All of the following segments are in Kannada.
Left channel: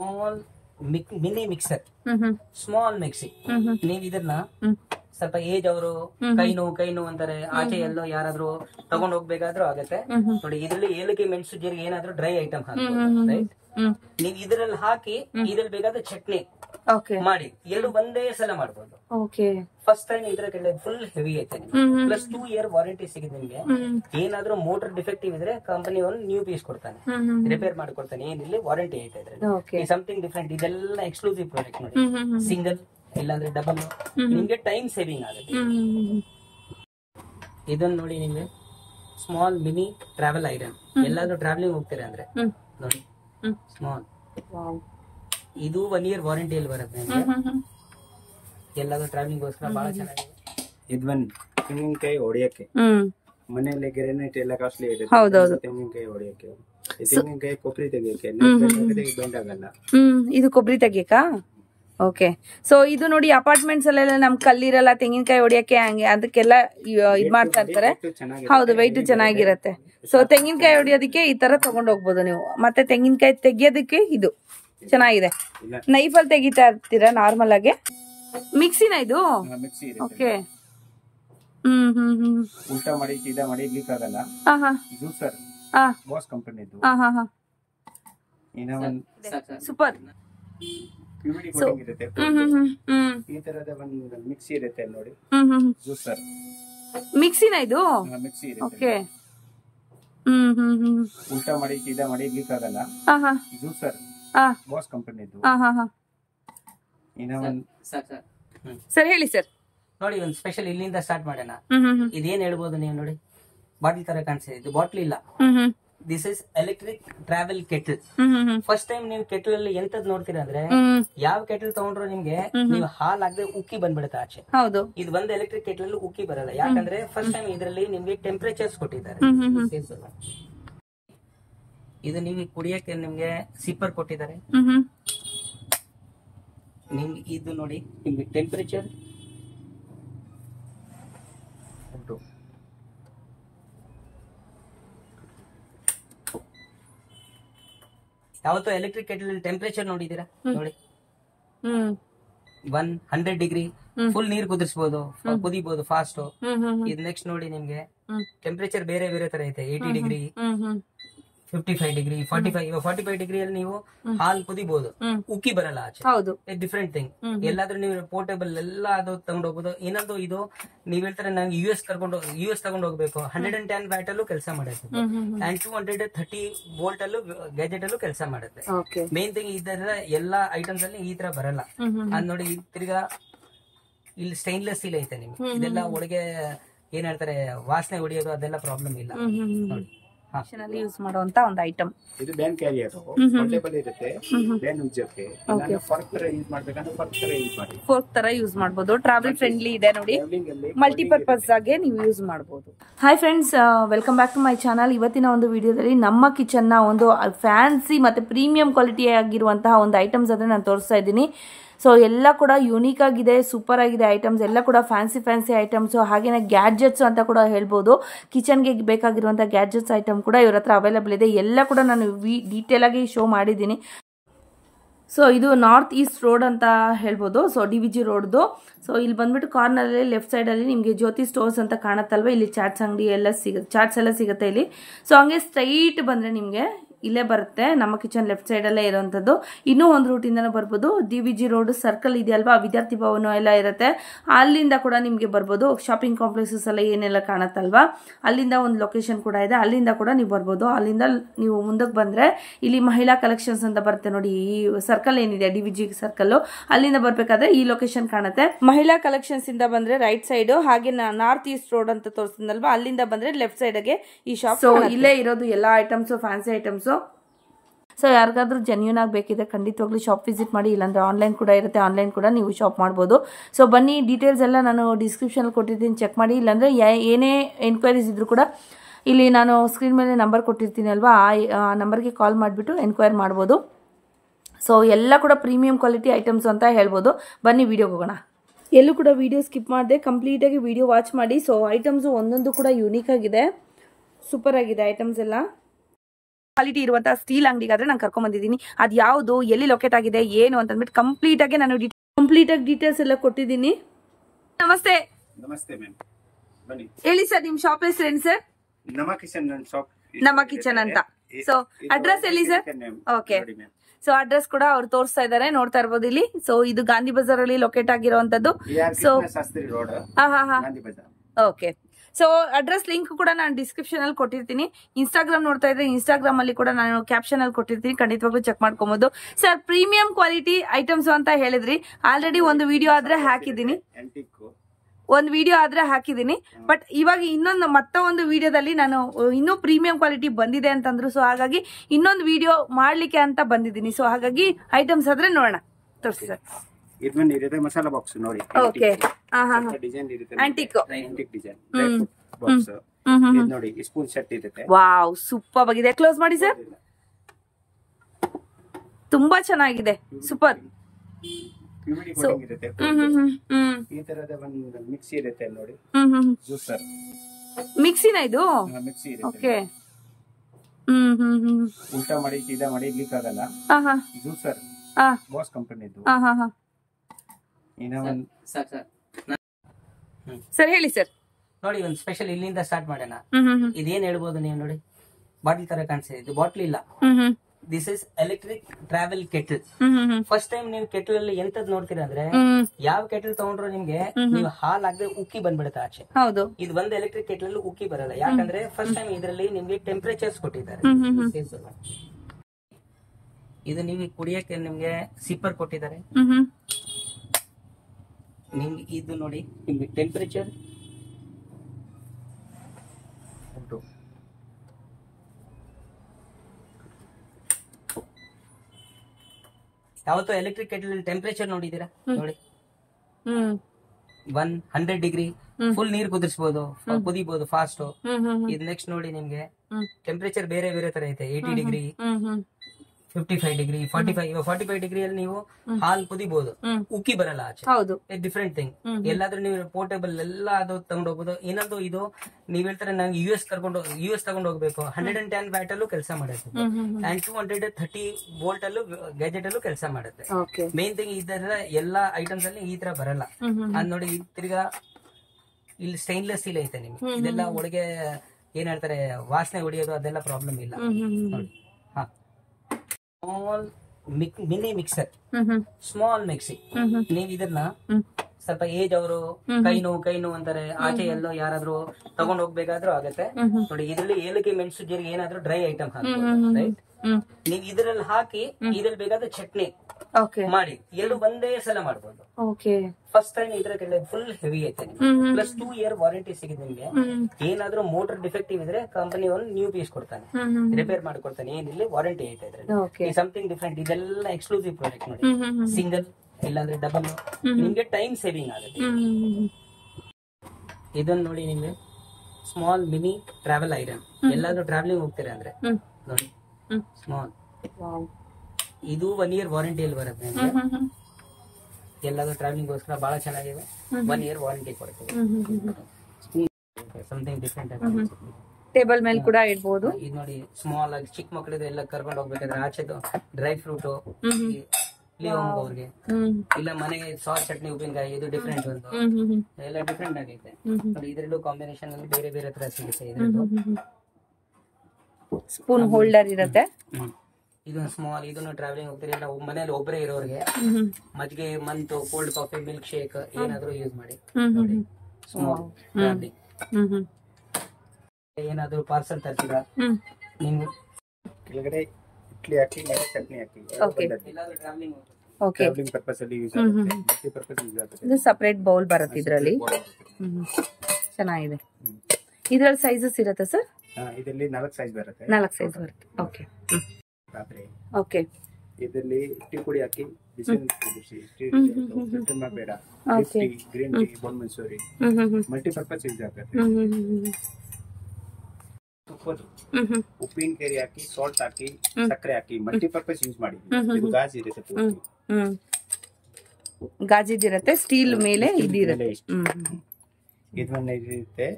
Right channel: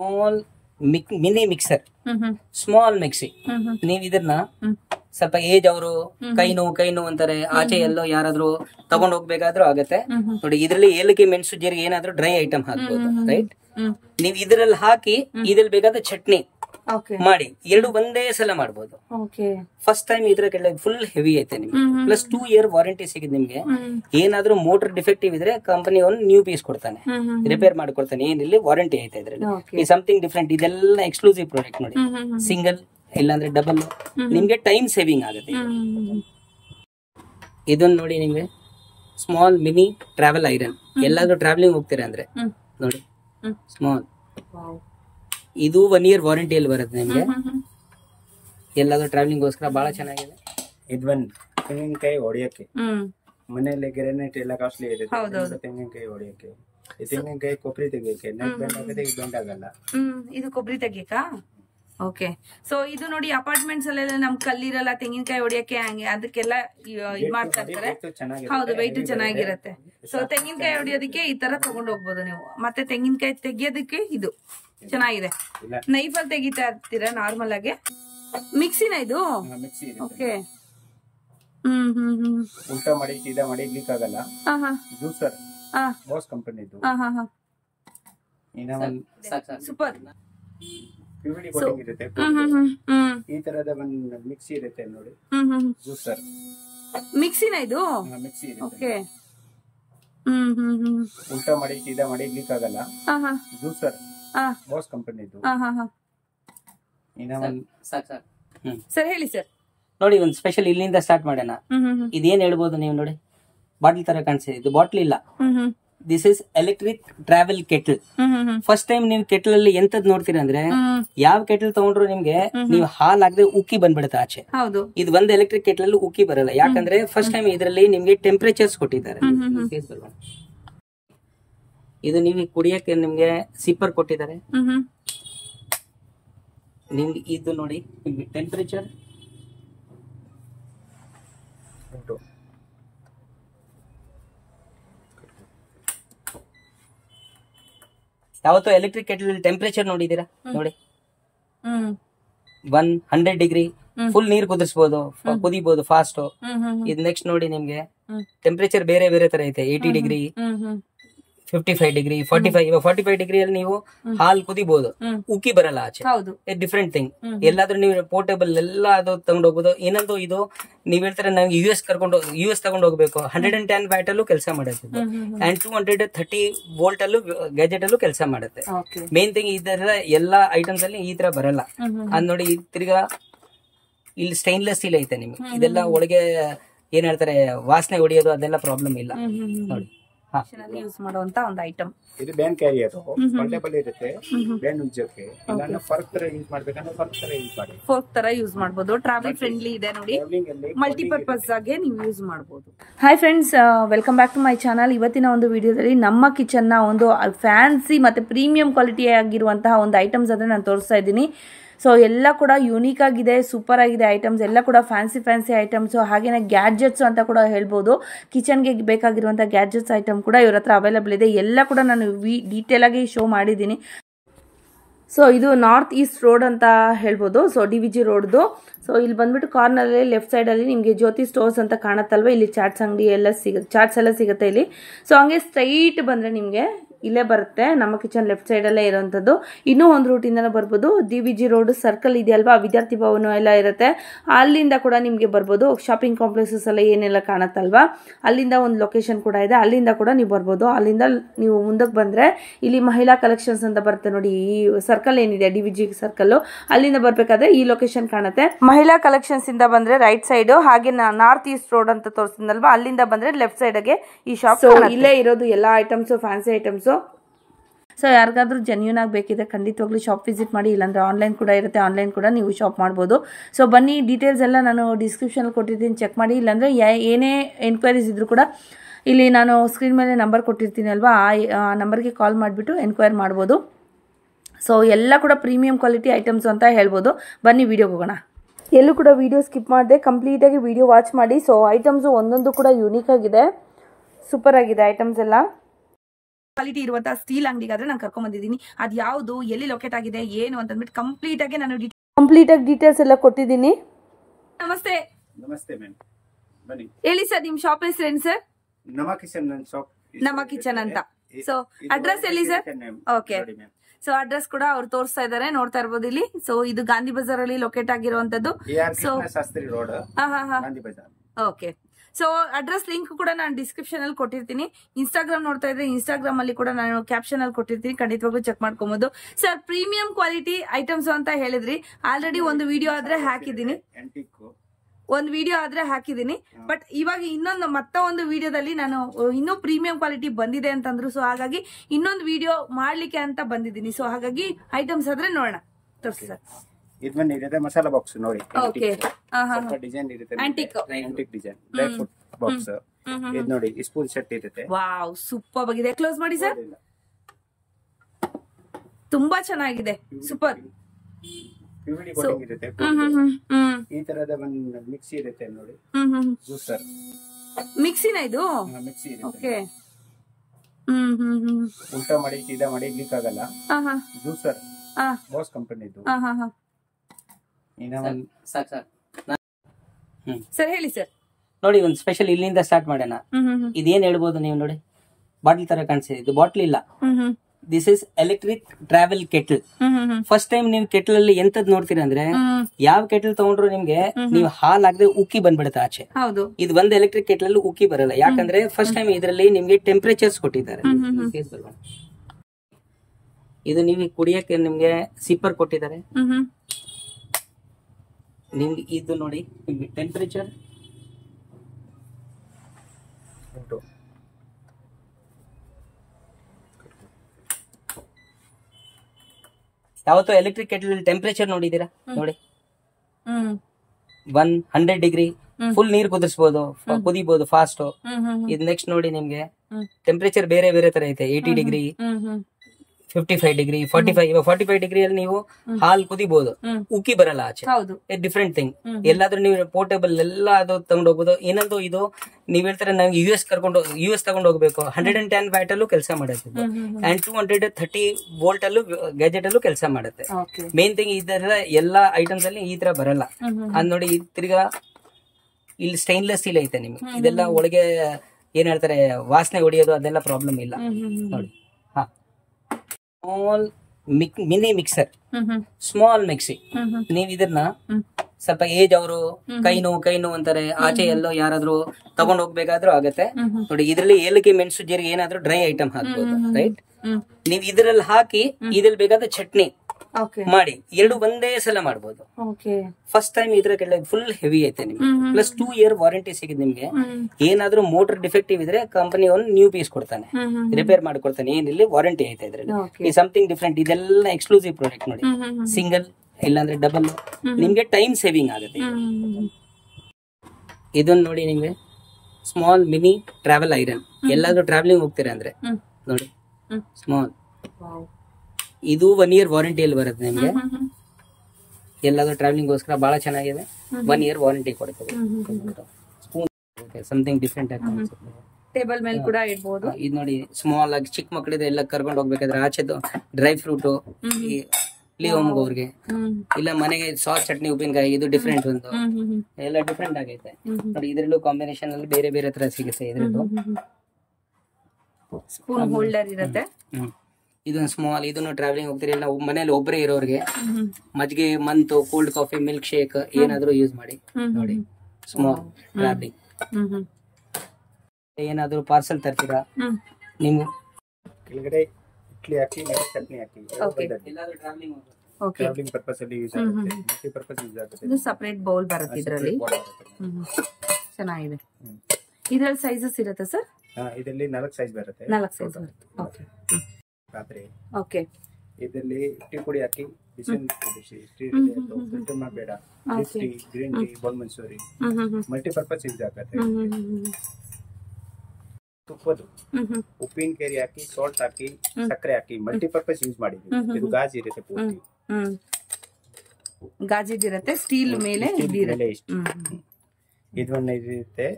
Small mini mixer, small mixie. ನೀವ್ ಇದನ್ನ ಸ್ವಲ್ಪ ಏಜ್ ಅವರು ಕೈ ನೋವು ಅಂತಾರೆ, ಆಚೆ ಎಲ್ಲೋ ಯಾರಾದ್ರೂ ತಗೊಂಡ್ ಹೋಗ್ಬೇಕಾದ್ರೂ ಆಗತ್ತೆ ನೋಡಿ. ಇದ್ರಲ್ಲಿ ಏಲಕ್ಕಿ, ಮೆಣಸು, ಜೀರಿಗೆ ಏನಾದ್ರೂ ಡ್ರೈ ಐಟಮ್ ಹಾಕ್ಬೋದು, ರೈಟ್? ನೀವ್ ಇದ್ರಲ್ಲಿ ಹಾಕಿ ಇದ್ರಲ್ಲಿ ಬೇಕಾದ್ರೆ ಚಟ್ನಿ ಮಾಡಿ ಎರಡು ಒಂದೇ ಸಲ ಮಾಡ್ಬೋದು. ಫಸ್ಟ್ ಟೈಮ್ ಇದ್ರ ಕೆಳಗೆ ಫುಲ್ ಹೆವಿ ಐತೆ ನಿಮ್ಗೆ. ಪ್ಲಸ್ 2 year ವಾರಂಟಿ ಸಿಗುತ್ತೆ ನಿಮ್ಗೆ. ಏನಾದ್ರೂ ಮೋಟರ್ ಡಿಫೆಕ್ಟಿವ್ ಇದ್ರೆ ಕಂಪನಿ ಅವನು ನ್ಯೂ ಪೀಸ್ ಕೊಡ್ತಾನೆ, ರಿಪೇರ್ ಮಾಡ್ಕೊಡ್ತಾನೆ. ಏನಿಲ್ಲ ವಾರಂಟಿ ಐತೆ ಇದ್ರಲ್ಲಿ. Something different. ಇದೆಲ್ಲ ಎಕ್ಸ್ಕ್ಲೂಸಿವ್ ಪ್ರಾಡಕ್ಟ್ ನೋಡಿ. ಸಿಂಗಲ್ ಇಲ್ಲಾಂದ್ರೆ ಡಬಲ್, ನಿಮ್ಗೆ ಟೈಮ್ ಸೇವಿಂಗ್ ಆಗುತ್ತೆ. ಇದನ್ನ ನೋಡಿ, ನಿಮ್ಗೆ ಸ್ಮಾಲ್ ಮಿನಿ ಟ್ರಾವೆಲ್ ಐರನ್. ಎಲ್ಲಾದ್ರೂ ಟ್ರಾವೆಲಿಂಗ್ ಹೋಗ್ತೀರಾ ಅಂದ್ರೆ ನೋಡಿ, ಸ್ಮಾಲ್. ಇದು 1 year ವಾರಂಟಿಯಲ್ಲಿ ಬರುತ್ತೆ ನಿಮ್ಗೆ. ಎಲ್ಲಾದ್ರೂ ಟ್ರಾವೆಲಿಂಗ್ ಗೋಸ್ಕರ ಬಹಳ ಚೆನ್ನಾಗಿದೆ. ಇದೊಂದು ತೆಂಗಿನಕಾಯಿ ಹೊಡಿಯಕ್ಕೆ, ಮನೆಯಲ್ಲಿ ಗ್ರೆನೇಟ್ ಎಲ್ಲ ಕಾಸ್ಟ್ಲಿ ಇರುತ್ತೆ. ತೆಂಗಿನಕಾಯಿ ಹೊಡಿಯಕ್ಕೆ, ತೆಂಗಿನಕಾಯಿ ಕೊಬ್ಬರಿ ತೆಗಿಯಕ್ಕೆ ಬೆಂಡ್ ಆಗಲ್ಲ. ಇದು ಕೊಬ್ಬರಿ ತೆಗಿಯಕ್ಕ. ಓಕೆ. ಸೊ ಇದು ನೋಡಿ ಅಪಾರ್ಟ್ಮೆಂಟ್ಸ್ ಅಲ್ಲೆಲ್ಲ ನಮ್ ಕಲ್ಲಿರಲ್ಲ, ತೆಂಗಿನಕಾಯಿ ಹೊಡಿಯಕ್ಕೆ ಹಂಗೆ ಅದಕ್ಕೆಲ್ಲ ಇದ್ ಮಾಡ್ತಾ ಇರ್ತಾರೆ. ಹೌದು, ವೆಯ್ಟ್ ಚೆನ್ನಾಗಿರತ್ತೆ. ಸೊ ತೆಂಗಿನಕಾಯಿ ಹೊಡಿಯೋದಕ್ಕೆ ಈ ತರ ತಗೊಂಡ್ ಹೋಗ್ಬೋದು ನೀವು. ಮತ್ತೆ ತೆಂಗಿನಕಾಯಿ ತೆಗಿಯೋದಕ್ಕೆ ಇದು ಚೆನ್ನಾಗಿದೆ. ನೈಫ್ ಅಲ್ಲಿ ತೆಗಿತಾ ಇರ್ತೀರಾ ನಾರ್ಮಲ್ ಆಗಿ. ಮಿಕ್ಸಿನ ಇದು? ಓಕೆ. ಉಲ್ಟಾ ಮಾಡಿ ಸೀದಾ ಮಾಡಿ ಲೀಕ್ ಆಗಲ್ಲ. ಜ್ಯೂಸರ್ ಬಾಸ್ ಕಂಪನಿದು. ಸೂಪರ್. ಈ ತರದ ಒಂದು ಮಿಕ್ಸಿ ಇರುತ್ತೆ ನೋಡಿ, ಜ್ಯೂಸರ್. ಮಿಕ್ಸಿನ ಇದು? ಮಿಕ್ಸಿ ಇರುತ್ತೆ. ಓಕೆ. ಉಲ್ಟಾ ಮಾಡಿ ಸೀದಾ ಮಾಡಿ ಲೀಕ್ ಆಗಲ್ಲ. ಜ್ಯೂಸರ್ ಬಾಸ್ ಕಂಪನಿದು. ಸರ್ ಹೇಳಿ ಸರ್. ನೋಡಿ, ಒಂದು ಸ್ಪೆಷಲ್ ಇಲ್ಲಿಂದ ಸ್ಟಾರ್ಟ್ ಮಾಡೋಣ. ಇದೇನ್ ಹೇಳ್ಬೋದು ನೀವು ನೋಡಿ, ಬಾಟ್ಲ್ ತರ ಕಾಣಿಸಿದೆ. ಇದು ಬಾಟ್ಲ್ ಇಲ್ಲ, this is electric travel kettle. First time ನೀವು ಕೆಟಲ್ ಅಲ್ಲಿ ಎಂತದ್ ನೋಡ್ತೀರಾ ಅಂದ್ರೆ, ಯಾವ ಕೆಟಲ್ ತಗೊಂಡ್ರು ನಿಮ್ಗೆ ನೀವು ಹಾಲ್ ಹಾಕಿದ್ರೆ ಉಕ್ಕಿ ಬಂದ್ಬಿಡುತ್ತೆ ಆಚೆ. ಹೌದು. ಇದು ಒಂದು ಎಲೆಕ್ಟ್ರಿಕ್ ಕೆಟಲ್ ಅಲ್ಲಿ ಉಕ್ಕಿ ಬರಲ್ಲ. ಯಾಕಂದ್ರೆ ಫಸ್ಟ್ ಟೈಮ್ ಇದರಲ್ಲಿ ನಿಮ್ಗೆ ಟೆಂಪರೇಚರ್ಸ್ ಕೊಟ್ಟಿದ್ದಾರೆ. ಇದು ನೀವು ಕುಡಿಯಕ್ಕೆ ನಿಮ್ಗೆ ಸಿಪ್ಪರ್ ಕೊಟ್ಟಿದ್ದಾರೆ. ನಿಮ್ಗೆ ಇದು ನೋಡಿ, ನಿಮ್ಗೆ ಟೆಂಪರೇಚರ್ ಯಾವತ್ತೂ ಎಲೆಕ್ಟ್ರಿಕ್ ಕೆಟಲ್ ಟೆಂಪರೇಚರ್ ನೋಡಿದೀರಾ ನೋಡಿ, 100 ಡಿಗ್ರಿ ಫುಲ್ ನೀರ್ ಕುದಿಸ್ಬೋದು, ಕುದಿಬಹುದು ಫಾಸ್ಟ್. ಇದು ನೆಕ್ಸ್ಟ್ ನೋಡಿ, ನಿಮ್ಗೆ ಟೆಂಪರೇಚರ್ ಬೇರೆ ಬೇರೆ ತರ ಐತೆ. 80 ಡಿಗ್ರಿ, 55 ಡಿಗ್ರಿ, 45. ಇವಾಗ 45 ಡಿಗ್ರಿಯಲ್ಲಿ ನೀವು ಹಾಲ್ ಕುದಿಬಹುದು, ಉಕ್ಕಿ ಬರಲ್ಲ ಆಚೆ. Different thing. ಎಲ್ಲಾದ್ರೂ ನೀವು ಪೋರ್ಟೇಬಲ್ ಎಲ್ಲ ಅದು ತಗೊಂಡ್ ಹೋಗ್ಬೋದು. ಇನ್ನೊಂದು ಇದು ನೀವ್ ಹೇಳ್ತಾರೆ ನಾವು US ತಗೊಂಡ್ ಹೋಗ್ಬೇಕು, 110 ವ್ಯಾಟ್ ಅಲ್ಲೂ ಕೆಲಸ ಮಾಡುತ್ತೆ, ಅಂಡ್ 230 ವೋಲ್ಟ್ ಅಲ್ಲೂ ಗ್ಯಾಜೆಟ್ ಅಲ್ಲೂ ಕೆಲಸ ಮಾಡುತ್ತೆ. ಮೇನ್ ಥಿಂಗ್ ಇದರ ಎಲ್ಲಾ ಐಟಮ್ಸ್ ಅಲ್ಲಿ ಈ ತರ ಬರಲ್ಲ. ಅದ್ ನೋಡಿ, ತಿರ್ಗಾ ಇಲ್ಲಿ ಸ್ಟೈನ್ಲೆಸ್ ಸ್ಟೀಲ್ ಐತೆ ನಿಮ್ಗೆ. ಇದೆಲ್ಲ ಒಳಗೆ ಏನ್ ಹೇಳ್ತಾರೆ, ವಾಸನೆ ಹೊಡಿಯೋದು ಅದೆಲ್ಲ ಪ್ರಾಬ್ಲಮ್ ಇಲ್ಲ ನೋಡಿ. ಯೂಸ್ ಮಾಡುವಂತ ಒಂದು ಐಟಮ್ ಇದು. ಬ್ಯಾನ್ ಕ್ಯಾರಿಯರ್ ಪೋರ್ಟೇಬಲ್ ಇರುತ್ತೆ. ಬ್ಯಾನ್ ಉಜ್ಜಕ್ಕೆ ಇಲ್ಲ ಫರ್ಕ್ ತರ ಯೂಸ್ ಮಾಡ್ಬೇಕಂದ್ರೆ ಫರ್ಕ್ ತರ ಯೂಸ್ ಮಾಡಿ, ಫೋರ್ಕ್ ತರ ಯೂಸ್ ಮಾಡಬಹುದು. ಟ್ರಾವೆಲ್ ಫ್ರೆಂಡ್ಲಿ ಇದೆ ನೋಡಿ, ಮಲ್ಟಿಪರ್ಪಸ್ ಆಗಿ ನೀವು ಯೂಸ್ ಮಾಡಬಹುದು. Hi friends, welcome back to my channel. ಇವತ್ತಿನ ಒಂದು ವಿಡಿಯೋದಲ್ಲಿ ನಮ್ಮ ಕಿಚನ್ ನ ಒಂದು ಫ್ಯಾನ್ಸಿ ಮತ್ತೆ ಪ್ರೀಮಿಯಂ ಕ್ವಾಲಿಟಿ ಆಗಿರುವಂತಹ ಒಂದು ಐಟಮ್ಸ್ ಅದನ್ನ ನಾನು ತೋರಿಸ್ತಾ ಇದ್ದೀನಿ. ಸೊ ಎಲ್ಲ ಕೂಡ ಯೂನಿಕ್ ಆಗಿದೆ, ಸೂಪರ್ ಆಗಿದೆ ಐಟಮ್ಸ್ ಎಲ್ಲ ಕೂಡ. ಫ್ಯಾನ್ಸಿ ಐಟಮ್ಸು, ಹಾಗೇನೆ ಗ್ಯಾಡ್ಜೆಟ್ಸ್ ಅಂತ ಕೂಡ ಹೇಳ್ಬೋದು. ಕಿಚನ್ಗೆ ಬೇಕಾಗಿರುವಂಥ ಗ್ಯಾಡ್ಜೆಟ್ಸ್ ಐಟಮ್ ಕೂಡ ಇವ್ರ ಹತ್ರ ಅವೈಲೇಬಲ್ ಇದೆ. ಎಲ್ಲ ಕೂಡ ನಾನು ಡೀಟೇಲ್ ಆಗಿ ಶೋ ಮಾಡಿದ್ದೀನಿ. ಸೊ ಇದು ನಾರ್ತ್ ಈಸ್ಟ್ ರೋಡ್ ಅಂತ ಹೇಳ್ಬೋದು. So DVG ರೋಡ್ದು. ಸೊ ಇಲ್ಲಿ ಬಂದ್ಬಿಟ್ಟು ಕಾರ್ನರಲ್ಲಿ ಲೆಫ್ಟ್ ಸೈಡಲ್ಲಿ ನಿಮಗೆ ಜ್ಯೋತಿ ಸ್ಟೋರ್ಸ್ ಅಂತ ಕಾಣುತ್ತಲ್ವ, ಇಲ್ಲಿ ಚಾಟ್ಸ್ ಅಂಗಡಿ ಎಲ್ಲ ಸಿಗುತ್ತೆ, ಚಾಟ್ಸ್ ಎಲ್ಲ ಸಿಗುತ್ತೆ ಇಲ್ಲಿ. ಸೊ ಹಂಗೆ ಸ್ಟ್ರೈಟ್ ಬಂದರೆ ನಿಮಗೆ ಇಲ್ಲೇ ಬರುತ್ತೆ, ನಮ್ಮ ಕಿಚನ್ ಲೆಫ್ಟ್ ಸೈಡಲ್ಲೇ ಇರೋವಂಥದ್ದು. ಇನ್ನೂ ಒಂದು ರೂಟಿಂದನೇ ಬರ್ಬೋದು. DVG ರೋಡ್ ಸರ್ಕಲ್ ಇದೆಯಲ್ವಾ, ವಿದ್ಯಾರ್ಥಿ ಭವನ ಎಲ್ಲ ಇರುತ್ತೆ, ಅಲ್ಲಿಂದ ಕೂಡ ನಿಮಗೆ ಬರ್ಬೋದು. ಶಾಪಿಂಗ್ ಕಾಂಪ್ಲೆಕ್ಸಸ್ ಎಲ್ಲ ಏನೆಲ್ಲ ಕಾಣುತ್ತಲ್ವಾ, ಅಲ್ಲಿಂದ ಒಂದು ಲೊಕೇಶನ್ ಕೂಡ ಇದೆ, ಅಲ್ಲಿಂದ ಕೂಡ ನೀವು ಬರ್ಬೋದು. ಅಲ್ಲಿಂದ ನೀವು ಮುಂದಕ್ಕೆ ಬಂದರೆ ಇಲ್ಲಿ ಮಹಿಳಾ ಕಲೆಕ್ಷನ್ಸ್ ಅಂತ ಬರುತ್ತೆ ನೋಡಿ, ಈ ಸರ್ಕಲ್ ಏನಿದೆ DVG ಸರ್ಕಲ್, ಅಲ್ಲಿಂದ ಬರಬೇಕಾದ್ರೆ ಈ ಲೊಕೇಶನ್ ಕಾಣುತ್ತೆ. ಮಹಿಳಾ ಕಲೆಕ್ಷನ್ಸ್ ಇಂದ ಬಂದ್ರೆ ರೈಟ್ ಸೈಡ್, ಹಾಗೆ ನಾರ್ತ್ ಈಸ್ಟ್ ರೋಡ್ ಅಂತ ತೋರಿಸಿದ್ನಲ್ವಾ, ಅಲ್ಲಿಂದ ಬಂದ್ರೆ ಲೆಫ್ಟ್ ಸೈಡ್ಗೆ ಈ ಶಾಪ್. ಇಲ್ಲೇ ಇರೋದು ಎಲ್ಲಾ ಐಟಮ್ಸ್, ಫ್ಯಾನ್ಸಿ ಐಟಮ್ಸ್. ಸೊ ಯಾರಿಗಾದ್ರೂ ಜೆನ್ಯೂನ್ ಆಗಿ ಬೇಕಿದೆ ಖಂಡಿತವಾಗ್ಲೂ ಶಾಪ್ ವಿಸಿಟ್ ಮಾಡಿ, ಇಲ್ಲಾಂದ್ರೆ ಆನ್ಲೈನ್ ಕೂಡ ಇರುತ್ತೆ, ಆನ್ಲೈನ್ ಕೂಡ ನೀವು ಶಾಪ್ ಮಾಡ್ಬೋದು. ಸೊ ಬನ್ನಿ, ಡೀಟೇಲ್ಸ್ ಎಲ್ಲ ನಾನು ಡಿಸ್ಕ್ರಿಪ್ಷನಲ್ಲಿ ಕೊಟ್ಟಿದ್ದೀನಿ, ಚೆಕ್ ಮಾಡಿ. ಇಲ್ಲಾಂದರೆ ಏನೇ ಎನ್ಕ್ವೈರೀಸ್ ಇದ್ರೂ ಕೂಡ ಇಲ್ಲಿ ನಾನು ಸ್ಕ್ರೀನ್ ಮೇಲೆ ನಂಬರ್ ಕೊಟ್ಟಿರ್ತೀನಿ ಅಲ್ವಾ, ಆ ನಂಬರ್ಗೆ ಕಾಲ್ ಮಾಡಿಬಿಟ್ಟು ಎನ್ಕ್ವೈರ್ ಮಾಡ್ಬೋದು. ಸೊ ಎಲ್ಲ ಕೂಡ ಪ್ರೀಮಿಯಂ ಕ್ವಾಲಿಟಿ ಐಟಮ್ಸ್ ಅಂತ ಹೇಳ್ಬೋದು. ಬನ್ನಿ ವಿಡಿಯೋಗೆ ಹೋಗೋಣ. ಎಲ್ಲೂ ಕೂಡ ವಿಡಿಯೋ ಸ್ಕಿಪ್ ಮಾಡಿದೆ, ಕಂಪ್ಲೀಟಾಗಿ ವಿಡಿಯೋ ವಾಚ್ ಮಾಡಿ. ಸೊ ಐಟಮ್ಸು ಒಂದೊಂದು ಕೂಡ ಯೂನಿಕ್ ಆಗಿದೆ, ಸೂಪರ್ ಆಗಿದೆ ಐಟಮ್ಸ್ ಎಲ್ಲ. ಕ್ವಾಲಿಟಿ ಇರುವಂತಹ ಸ್ಟೀಲ್ ಅಂಗಡಿಗಾದ್ರೆ ನಾನು ಕರ್ಕೊಂಡ್ ಬಂದಿದ್ದೀನಿ. ಅದು ಯಾವುದು, ಎಲ್ಲಿ ಲೊಕೇಟ್ ಆಗಿದೆ, ಏನು ಅಂತಂದ್ಬಿಟ್ಟು ಕಂಪ್ಲೀಟ್ ಆಗಿ ನಾನು ಡೀಟೇಲ್ಸ್ ಎಲ್ಲ ಕೊಟ್ಟಿದ್ದೀನಿ. ನಮಸ್ತೆ. ನಮಸ್ತೆ ಮ್ಯಾಮ್, ಬನ್ನಿ ಹೇಳಿ ಸರ್, ನಿಮ್ ಶಾಪ್ ಹೆಸರು ಏನು ಸರ್? ನಮ್ಮ ಕಿಚನ್ ಶಾಪ್. ನಮ್ಮ ಕಿಚನ್ ಅಂತ. ಸೊ ಅಡ್ರೆಸ್ ಎಲ್ಲಿ ಸರ್? ಓಕೆ, ಸೊ ಅಡ್ರೆಸ್ ಕೂಡ ಅವ್ರು ತೋರಿಸ್ತಾ ಇದಾರೆ, ನೋಡ್ತಾ ಇರ್ಬೋದು ಇಲ್ಲಿ. ಸೊ ಇದು ಗಾಂಧಿ ಬಜಾರ್ ಅಲ್ಲಿ ಲೊಕೇಟ್ ಆಗಿರುವಂತದ್ದು. So Shastri road, Gandhi Bazaar. Okay, so address link ಕೂಡ ನಾನು ಡಿಸ್ಕ್ರಿಪ್ಷನ್ ಅಲ್ಲಿ ಕೊಟ್ಟಿರ್ತೀನಿ. ಇನ್ಸ್ಟಾಗ್ರಾಮ್ ನೋಡ್ತಾ ಇದ್ರೆ ಇನ್ಸ್ಟಾಗ್ರಾಮ್ ಅಲ್ಲಿ ಕೂಡ ನಾನು ಕ್ಯಾಪ್ಷನ್ ಅಲ್ಲಿ ಕೊಟ್ಟಿರ್ತೀನಿ, ಖಂಡಿತವಾಗ್ಲೂ ಚೆಕ್ ಮಾಡ್ಕೊಬಹುದು. ಸರ್, ಪ್ರೀಮಿಯಂ ಕ್ವಾಲಿಟಿ ಐಟಮ್ಸ್ ಅಂತ ಹೇಳಿದ್ರಿ, ಆಲ್ರೆಡಿ ಒಂದು ವಿಡಿಯೋ ಆದ್ರೆ ಹಾಕಿದ್ದೀನಿ, ಬಟ್ ಇವಾಗ ಇನ್ನೊಂದು ಒಂದು ವಿಡಿಯೋದಲ್ಲಿ ನಾನು ಇನ್ನೂ ಪ್ರೀಮಿಯಂ ಕ್ವಾಲಿಟಿ ಬಂದಿದೆ ಅಂತಂದ್ರು. ಸೊ ಹಾಗಾಗಿ ಇನ್ನೊಂದು ವಿಡಿಯೋ ಮಾಡ್ಲಿಕ್ಕೆ ಅಂತ ಬಂದಿದ್ದೀನಿ. ಸೊ ಹಾಗಾಗಿ ಐಟಮ್ಸ್ ಆದ್ರೆ ನೋಡೋಣ, ತೋರಿಸಿ ಸರ್. ಇದನ್ನ ಇರುತ್ತೆ ಮಸಾಲಾ ಬಾಕ್ಸ್ ನೋಡಿ. ಓಕೆ, ಡಿಸೈನ್ ಇರುತ್ತೆ, antique design dry fruit box. ಇದು ನೋಡಿ, ಸ್ಪೂನ್ ಸೆಟ್ ಇರುತ್ತೆ. ವಾವ್, ಸೂಪರ್ ಆಗಿದೆ. ಕ್ಲೋಸ್ ಮಾಡಿ ಸರ್. ತುಂಬಾ ಚೆನ್ನಾಗಿದೆ, ಸೂಪರ್. ಈ ತರದ ಒಂದು ಮಿಕ್ಸಿ ಇರುತ್ತೆ ನೋಡಿ, ಜ್ಯೂಸರ್ ಮಿಕ್ಸಿನ ಇದು. ಮಿಕ್ಸಿ ಇರುತ್ತೆ. ಓಕೆ, ಉಲ್ಟಾ ಮಾಡಿ ಸೀದಾ ಮಾಡಿ ಇಡ್ಲಿಕ್ಕೆ ಆಗಲ್ಲ. ಜ್ಯೂಸರ್ ಬಾಸ್ ಕಂಪನಿದು. ಸರ್ ಹೇಳಿ ಸರ್. ನೋಡಿ, ಒಂದು ಸ್ಪೆಷಲ್ ಇಲ್ಲಿಂದ ಸ್ಟಾರ್ಟ್ ಮಾಡೋಣ. ಇದೇನ್ ಹೇಳ್ಬೋದು ನೀವು ನೋಡಿ, ಬಾಟ್ಲ್ ತರ ಕಾಣಿಸಿದೆ. ಇದು ಬಾಟ್ಲ್ ಇಲ್ಲ, this is electric travel kettle. First time ನೀವು ಕೆಟಲ್ ಅಲ್ಲಿ ಎಂತದ್ ನೋಡ್ತೀರಾ ಅಂದ್ರೆ, ಯಾವ ಕೆಟಲ್ ತಗೊಂಡ್ರು ನಿಮ್ಗೆ ನೀವು ಹಾಲ್ ಆಗದೆ ಉಕ್ಕಿ ಬಂದ್ಬಿಡುತ್ತೆ ಆಚೆ. ಹೌದು, ಇದು ಒಂದು ಎಲೆಕ್ಟ್ರಿಕ್ ಕೆಟಲ್ ಅಲ್ಲಿ ಉಕ್ಕಿ ಬರಲ್ಲ. ಯಾಕಂದ್ರೆ ಫಸ್ಟ್ ಟೈಮ್ ಇದರಲ್ಲಿ ನಿಮ್ಗೆ ಟೆಂಪರೇಚರ್ಸ್ ಕೊಟ್ಟಿದ್ದಾರೆ. ಇದು ನೀವು ಕುಡಿಯಕ್ಕೆ ನಿಮ್ಗೆ ಸಿಪ್ಪರ್ ಕೊಟ್ಟಿದ್ದಾರೆ. ನಿಮ್ಗೆ ಇದು ನೋಡಿ, ನಿಮ್ಗೆ ಟೆಂಪರೇಚರ್ ಯಾವತ್ತೋ ಎಲೆಕ್ಟ್ರಿಕ್ ಕೆಟಲ್ ಟೆಂಪರೇಚರ್ ನೋಡಿದೀರಾ? ನೋಡಿ, 100 ಡಿಗ್ರಿ ಫುಲ್ ನೀರ್ ಕುದಿಸ್ಬೋದು, ಕುದಿಬಹುದು ಫಾಸ್ಟ್. ಇದು ನೆಕ್ಸ್ಟ್ ನೋಡಿ, ನಿಮ್ಗೆ ಟೆಂಪರೇಚರ್ ಬೇರೆ ಬೇರೆ ತರ ಐತೆ. 80 ಡಿಗ್ರಿ, 55 ಡಿಗ್ರಿ, 45 ಡಿಗ್ರಿ ಅಲ್ಲಿ ನೀವು ಹಾಲ್ ಕುದಿಬಹುದು, ಉಕ್ಕಿ ಬರಲ್ಲ ಆಚೆ. Different thing. ಎಲ್ಲಾದ್ರೂ ನೀವು ಪೋರ್ಟೇಬಲ್ ಎಲ್ಲ ಅದು ತಗೊಂಡ್ ಹೋಗ್ಬೋದು. ಇನ್ನೊಂದು, ಇದು ನೀವ್ ಹೇಳ್ತಾರೆ ನಾವು US ತಗೊಂಡ್ ಹೋಗ್ಬೇಕು, 110 ವ್ಯಾಟ್ ಅಲ್ಲೂ ಕೆಲಸ ಮಾಡುತ್ತೆ, ಅಂಡ್ 230 ವೋಲ್ಟ್ ಅಲ್ಲೂ ಗ್ಯಾಜೆಟ್ ಅಲ್ಲೂ ಕೆಲಸ ಮಾಡುತ್ತೆ. ಮೇನ್ ಥಿಂಗ್ ಇದರ ಎಲ್ಲಾ ಐಟಮ್ಸ್ ಅಲ್ಲಿ ಈ ತರ ಬರಲ್ಲ. ಅದ್ ನೋಡಿ, ತಿರ್ಗಾ ಇಲ್ಲಿ ಸ್ಟೈನ್ಲೆಸ್ ಸ್ಟೀಲ್ ಐತೆ ನಿಮ್ಗೆ. ಇದೆಲ್ಲ ಒಳಗೆ ಏನ್ ಹೇಳ್ತಾರೆ, ವಾಸನೆ ಹೊಡಿಯೋದು ಅದೆಲ್ಲ ಪ್ರಾಬ್ಲಮ್ ಇಲ್ಲ. ನೋಡಿ, small mini mixer, small mixie. ನೀವ್ ಇದನ್ನ ಸ್ವಲ್ಪ ಏಜ್ ಅವರು ಕೈ ನೋವು ಅಂತಾರೆ, ಆಚೆ ಎಲ್ಲೋ ಯಾರಾದ್ರೂ ತಗೊಂಡ್ ಹೋಗ್ಬೇಕಾದ್ರೂ ಆಗತ್ತೆ. ನೋಡಿ, ಇದರಲ್ಲಿ ಏಲಕ್ಕಿ, ಮೆಣಸು, ಜೀರಿಗೆ ಏನಾದ್ರೂ ಡ್ರೈ ಐಟಮ್ ಹಾಕ್ಬೋದು, ರೈಟ್? ನೀವ್ ಇದ್ರಲ್ಲಿ ಹಾಕಿ ಇದ್ರಲ್ಲಿ ಬೇಕಾದ್ರೆ ಚಟ್ನಿ ಮಾಡಿ ಎರಡು ಒಂದೇ ಸಲ ಮಾಡಬಹುದು. ಫಸ್ಟ್ ಟೈಮ್ ಇದ್ರ ಕೆಳಗೆ ಫುಲ್ ಹೆವಿ ಐತೆ ನಿಮ್ಗೆ. ಪ್ಲಸ್ 2 ಇಯರ್ ವಾರಂಟಿ ಸಿಗುತ್ತೆ ನಿಮ್ಗೆ. ಏನಾದ್ರೂ ಮೋಟರ್ ಡಿಫೆಕ್ಟಿವ್ ಇದ್ರೆ ಕಂಪನಿ ಅವನು ನ್ಯೂ ಪೀಸ್ ಕೊಡ್ತಾನೆ, ರಿಪೇರ್ ಮಾಡ್ಕೊಡ್ತಾನೆ. ಏನಿಲ್ಲ, ವಾರಂಟಿ ಐತೆ ಇದ್ರಲ್ಲಿ. Something different. ಇದೆಲ್ಲ ಎಕ್ಸ್ಕ್ಲೂಸಿವ್ ಪ್ರಾಡಕ್ಟ್ ನೋಡಿ. ಸಿಂಗಲ್ ಇಲ್ಲಾಂದ್ರೆ ಡಬಲ್, ನಿಮ್ಗೆ ಟೈಮ್ ಸೇವಿಂಗ್ ಆಗುತ್ತೆ. ಇದನ್ನ ನೋಡಿ, ನಿಮ್ಗೆ ಸ್ಮಾಲ್ ಮಿನಿ ಟ್ರಾವೆಲ್ ಐರನ್. ಎಲ್ಲಾದ್ರೂ ಟ್ರಾವೆಲಿಂಗ್ ಹೋಗ್ತೀರಾ ಅಂದ್ರೆ ನೋಡಿ, ಸ್ಮಾಲ್. ಇದು 1 ಇಯರ್ ವಾರಂಟಿಯಲ್ಲಿ ಬರುತ್ತೆ ನಿಮ್ಗೆ. ಎಲ್ಲಾದ್ರೂ ಟ್ರಾವೆಲಿಂಗ್ ಗೋಸ್ಕರ ಬಹಳ ಚೆನ್ನಾಗಿದೆ. 1 ಇಯರ್ ವಾರಂಟಿ ಕೊಡುತ್ತೆ. ಸ್ಪೂನ್ ಸಮಥಿಂಗ್ ಡಿಫ್ರೆಂಟ್ ಆಗಿ ಟೇಬಲ್ ಮೇಲೆ ಕೂಡ ಇಡಬಹುದು. ಇದು ನೋಡಿ, ಸ್ಮಾಲ್ ಆಗಿ ಚಿಕ್ಕ ಮಕ್ಕಳಿದೆ ಎಲ್ಲ ಕರ್ಕೊಂಡು ಹೋಗ್ಬೇಕಾದ್ರೆ ಆಚೆದು ಡ್ರೈ ಫ್ರೂಟ್ ಅವ್ರಿಗೆ, ಇಲ್ಲ ಮನೆಗೆ ಸಾಸ್, ಚಟ್ನಿ, ಉಪ್ಪಿನಕಾಯಿ, ಇದು ಡಿಫ್ರೆಂಟ್ ಒಂದು ಎಲ್ಲ ಡಿಫ್ರೆಂಟ್ ಆಗೈತೆ ನೋಡಿ. ಇದರಲ್ಲೂ ಕಾಂಬಿನೇಷನ್ ಅಲ್ಲಿ ಬೇರೆ ಬೇರೆ ತರ ಸಿಗುತ್ತೆ. ಇದ್ರಲ್ಲೂ ಸ್ಪೂನ್ ಹೋಲ್ಡರ್ ಇರುತ್ತೆ. ಇದೊಂದು ಸ್ಮಾಲ್. ಇದನ್ನು ಟ್ರಾವೆಲಿಂಗ್ ಹೋಗ್ತೀರಿ, ಇಲ್ಲ ಮನೇಲಿ ಒಬ್ಬರೇ ಇರೋರಿಗೆ ಮಜ್ಜಿಗೆ, ಮಂತು, ಕೋಲ್ಡ್ ಕಾಫಿ, ಮಿಲ್ಕ್ ಶೇಕ್ ಏನಾದ್ರೂ ಯೂಸ್ ಮಾಡಿ. ನೋಡಿ, ಸ್ಮಾಲ್ ಟ್ರಾವೆಲಿಂಗ್. ಏನಾದ್ರೂ ಪಾರ್ಸಲ್ ತರ್ತೀರಾ ನೀವು, ಕೆಳಗಡೆ ಇಡ್ಲಿ ಹಾಕಿ ಮೇಲೆ ಚಟ್ನಿ ಹಾಕಿ, ಎಲ್ಲಾದ್ರೂ ಟ್ರಾವೆಲಿಂಗ್ ಪರ್ಪಸ್ ಅಲ್ಲಿ ಯೂಸ್ ಆಗುತ್ತೆ, ಮಲ್ಟಿ ಪರ್ಪಸ್ ಯೂಸ್ ಆಗುತ್ತೆ. ಇದು ಸಪರೇಟ್ ಬೌಲ್ ಬರುತ್ತೆ ಇದರಲ್ಲಿ. ಚೆನ್ನಾಗಿದೆ. ಇದರಲ್ಲಿ ಸೈಜಸ್ ಇರುತ್ತೆ ಸರ್? ಇದರಲ್ಲಿ 4 ಸೈಜ್ ಬರುತ್ತೆ. 4 ಸೈಜ್ ಬರುತ್ತೆ. ಓಕೆ, ಪಾತ್ರೆ. ಓಕೆ, ಇದರಲ್ಲಿ ಟೀ ಪುಡಿ ಹಾಕಿ ಬಿಸಿಲು ಬೇಡ, ಟೀ, ಗ್ರೀನ್ ಟೀ, ಬೋನ್ ಮನ್ಸೂರಿ, ಮಲ್ಟಿಪರ್ಪಸ್ ಯೂಸ್ ಆಗುತ್ತೆ. ತುಪ್ಪದು ಉಪ್ಪಿನಕಾಯಿ ಹಾಕಿ, ಸಾಲ್ಟ್ ಹಾಕಿ, ಸಕ್ಕರೆ ಹಾಕಿ ಮಲ್ಟಿಪರ್ಪಸ್ ಯೂಸ್ ಮಾಡಿದ್ವಿ. ಇದು ಗಾಜು ಇರುತ್ತೆ ಪೂರ್ತಿ. ಗಾಜಿದಿರುತ್ತೆ, ಸ್ಟೀಲ್ ಮೇಲೆ ಇದಿರುತ್ತೆ. ಇದನ್ನ ಇರುತ್ತೆ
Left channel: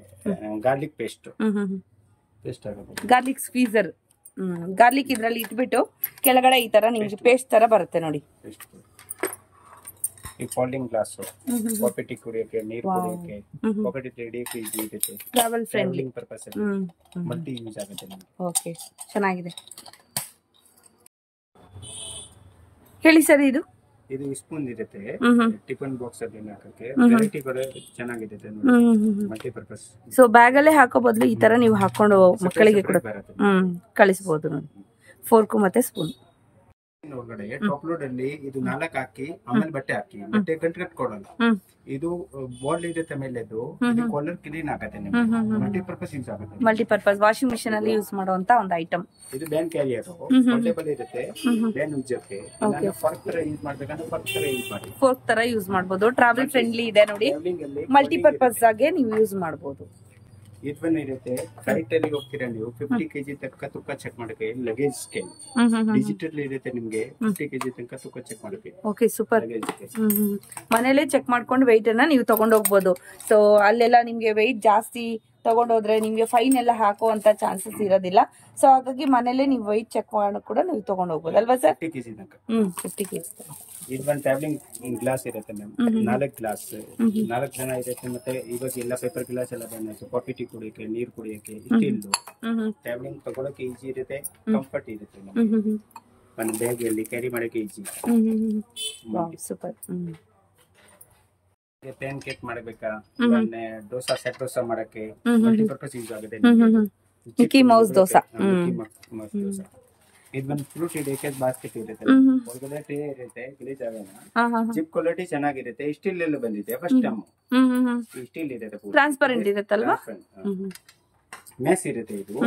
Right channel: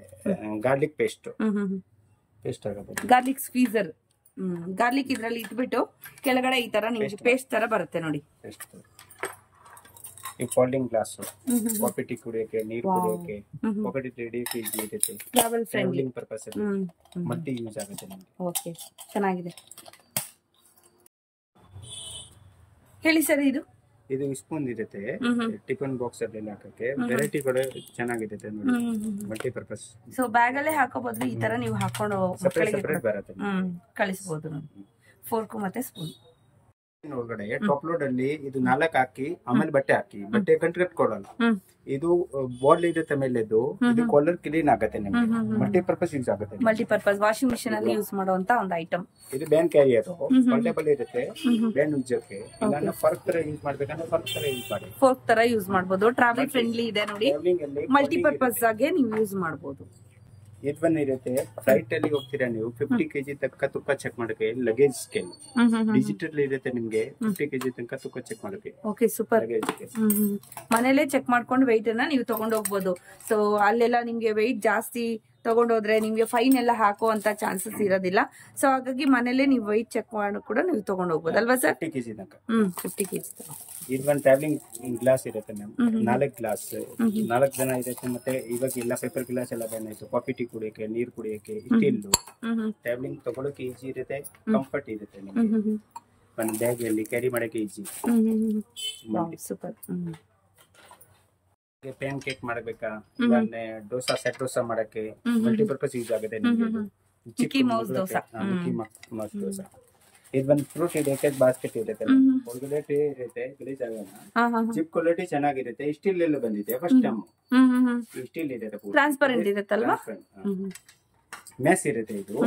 ಗಾರ್ಲಿಕ್ ಪೇಸ್ಟ್ ಆಗುತ್ತೆ. ಗಾರ್ಲಿಕ್ ಸ್ಕ್ವೀಸರ್ ಗಾರ್ಲಿಕ್ ಇದ್ರಲ್ಲಿ ಇಟ್ಬಿಟ್ಟು ಕೆಳಗಡೆ ಈ ತರ ನಿಮ್ಗೆ ಪೇಸ್ಟ್ ತರ ಬರುತ್ತೆ ನೋಡಿ. ಈ ಫೋಲ್ಡಿಂಗ್ ಗ್ಲಾಸ್ ಕಾಫಿ ಟೀ ಕುಡಿಯೋಕೆ, ನೀರು ಕುಡಿಯೋಕೆ, ಪಾಕೆಟ್ ಹಿಡಿಯೋಕೆ ಈಜಿ ಇರುತ್ತೆ. Travel friendly purpose multi use ಆಗುತ್ತೆ ನಿಮಗೆ. ಓಕೆ, ಚೆನ್ನಾಗಿದೆ. ಹೇಳಿ ಸರ್, ಇದು ಸ್ಪೂನ್ ಇರುತ್ತೆ, ಟಿಫನ್ ಬಾಕ್ಸ್ ಅಲ್ಲಿ ಹಾಕಕ್ಕೆ ವೆರೈಟಿ ಕೂಡ ಚೆನ್ನಾಗಿರುತ್ತೆ ನೋಡಿ, ಮಲ್ಟಿ ಪರ್ಪಸ್. ಸೊ ಬ್ಯಾಗ್ ಅಲ್ಲೇ ಹಾಕೋ ಬದಲು ಈ ತರ ನೀವು ಹಾಕೊಂಡು ಮಕ್ಕಳಿಗೆ ಕೂಡ ಕಳಿಸಬಹುದು ನೋಡಿ. ಫೋರ್ಕು ಮತ್ತೆ ಸ್ಪೂನ್ ಒಳಗಡೆ ಟಾಪ್ ಲೋಡ್ ಅಲ್ಲಿ ಇದು 4 ಹಾಕಿ ಆಮೇಲೆ ಬಟ್ಟೆ ಹಾಕಿ, ಬಟ್ಟೆ ಕಂಟ್ರೆಕ್ಟ್ ಕೊಡಲ್ಲ. ಇದು ಬಾಲ್ ಇರುತ್ತೆ ಮೇಲೆದು, ಇದು ಕಾಲರ್ ಕ್ಲೀನ್ ಆಗುತ್ತೆ ನಿಮಗೆ, ಮಲ್ಟಿಪರ್ಪಸ್ ಯೂಸ್ ಆಗುತ್ತೆ. ಮಲ್ಟಿಪರ್ಪಸ್ ವಾಷಿಂಗ್ ಮಿಷಿನ್ ಅಲ್ಲಿ ಯೂಸ್ ಮಾಡುವಂತ ಒಂದು ಐಟಮ್. ಇದು ಬ್ಯಾನ್ ಕ್ಯಾರಿಯರ್ ಪೋರ್ಟೇಬಲ್ ಇರುತ್ತೆ, ಬ್ಯಾನ್ ಉಜ್ಜಕ್ಕೆ. ಫರ್ಕ್ ತರ ಯೂಸ್ ಮಾಡ್ಬೇಕಂದ್ರೆ ಫರ್ಕ್ ತರ ಯೂಸ್ ಮಾಡಿ, ಫೋರ್ಕ್ ತರ ಯೂಸ್ ಮಾಡಬಹುದು. ಟ್ರಾವೆಲ್ ಫ್ರೆಂಡ್ಲಿ ಇದೆ ನೋಡಿ, ಮಲ್ಟಿಪರ್ಪಸ್ ಆಗಿ ನೀವು ಯೂಸ್ ಮಾಡಬಹುದು. ಇದು ಇರುತ್ತೆ, ಫ್ಲೈಟ್ ಅಲ್ಲಿ ಹೋಗ್ತೀರಾ ನೀವು 50 kg ತನಕ ತೂಕ ಚೆಕ್ ಮಾಡಕ್ಕೆ ಲಗೇಜ್ ಸ್ಕೇಲ್ ಡಿಜಿಟಲ್ ಇರುತ್ತೆ ನಿಮ್ಗೆ, 50 kg ತನಕ ತೂಕ ಚೆಕ್ ಮಾಡಕ್ಕೆ. Okay, super. ಮನೇಲೆ ಚೆಕ್ ಮಾಡ್ಕೊಂಡು ವೆಯ್ಟ್ ಅನ್ನ ನೀವು ತಗೊಂಡು ಹೋಗ್ಬೋದು. ಸೊ ಅಲ್ಲೆಲ್ಲ ನಿಮ್ಗೆ ವೆಯ್ಟ್ ಜಾಸ್ತಿ ತಗೊಂಡೋದ್ರೆ ನಿಮ್ಗೆ ಫೈನ್ ಎಲ್ಲ ಹಾಕುವಂತ ಚಾನ್ಸಸ್ ಇರೋದಿಲ್ಲ. ಸೊ ಹಾಗಾಗಿ ಮನೇಲೆ ನೀವು ವೆಯ್ಟ್ ಚೆಕ್ ಮಾಡಿ ಕೂಡ ನೀವು ತಗೊಂಡು ಹೋಗ್ಬೋದು ಅಲ್ವಾ ಸರ್? 50 kg ತನಕ. 50 kg ತನಕ. ಇದು ಒಂದು ಟ್ರಾವೆಲಿಂಗ್ ಗ್ಲಾಸ್ ಇರುತ್ತೆ ಮ್ಯಾಮ್, 4 ಗ್ಲಾಸ್, 4 ಜನ ಇರುತ್ತೆ. ಮತ್ತೆ ಇವಾಗ ಎಲ್ಲ ಪೇಪರ್ ಗ್ಲಾಸ್ ಎಲ್ಲ ಬ್ಯಾನ್ ಆಯ್ತು. ಕಾಫಿ ಟೀ ಕುಡಿಯೋಕೆ, ನೀರು ಕುಡಿಯೋಕೆ, ಸ್ಟೀಲ್ ಟ್ರಾವೆಲಿಂಗ್ ತಗೊಳಕ್ಕೆ ಈಜಿ ಇರುತ್ತೆ, ಕಂಫರ್ಟ್ ಇರುತ್ತೆ ನಿಮಗೆ. ಒಂದು ಬ್ಯಾಗ್ ಅಲ್ಲಿ ಕ್ಯಾರಿ ಮಾಡಕ್ಕೆ ಈಜಿ. ಸೂಪರ್. ಪ್ಯಾನ್ ಕೇಕ್ ಮಾಡಬೇಕಾ, ದೋಸಾ ಸೆಟ್ ದೋಸಾ ಮಾಡಕ್ಕೆ ಮಲ್ಟಿಪರ್ಪಸ್ ಯೂಸ್ ಆಗುತ್ತೆ. Mickey Mouse dosa. ಇದು ಒಂದು ಫ್ರೂಟ್ ಇರುತ್ತೆ, ಬಾಸ್ಕೆಟ್ ಇರುತ್ತೆ, ಒಳಗಡೆ ಟ್ರೇ ಇರುತ್ತೆ, ಗಲೀಜ್ ಆಗಲ್ಲ. ಜಿಪ್ ಕ್ವಾಲಿಟಿ ಚೆನ್ನಾಗಿರುತ್ತೆ. ಸ್ಟೀಲ್ ಎಲ್ಲ ಬಂದಿದೆ ಫಸ್ಟ್ ಟೈಮ್. ಸ್ಟೀಲ್ ಇರುತ್ತೆ, ಟ್ರಾನ್ಸ್ಪರೆಂಟ್ ಇರುತ್ತಲ್ವಾ? ಮ್ಯಾಸ್ ಇರುತ್ತೆ. ಇದು